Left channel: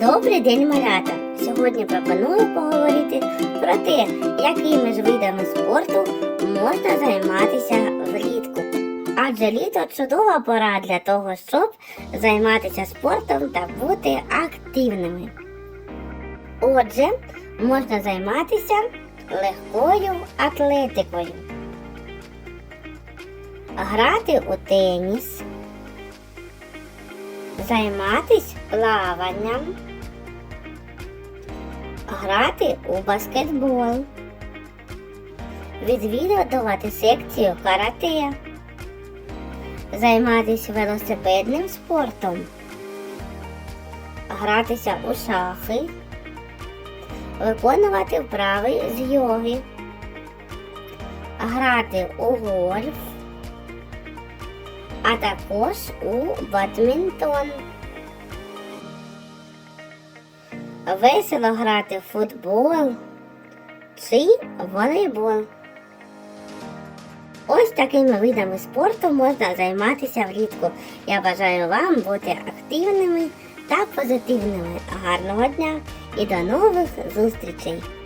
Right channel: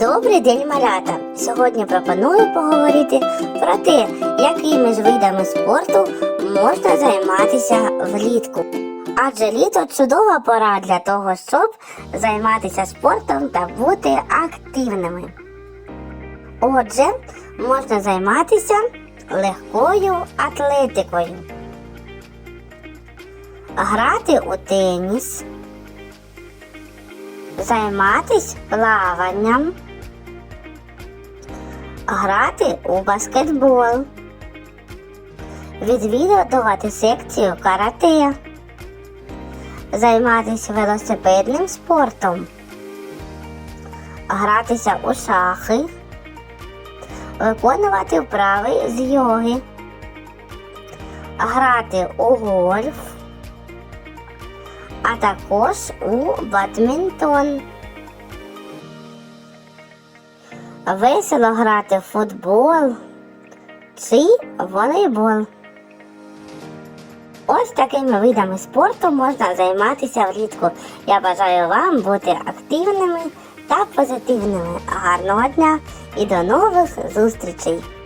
Добрий день, малята! Сьогодні пропоную поговорити про те, якими ж видами спорту можна займатися влітку. Адже літо чудова пора для того, щоб займатися спортом та бути активними. Отже, можна займатися легкою атлетикою, грати у теніс, займатись плаванням, грати у баскетбол, відвідувати секцію карате, займатися велосипедним спортом, гратися у шахи, виконувати вправи з йоги, грати у гольф а також у бадмінтон. Весело грати в футбол чи волейбол. Ось такими видами спорту можна займатися влітку. Я бажаю вам бути активними та позитивними. Гарного дня і до нових зустрічей!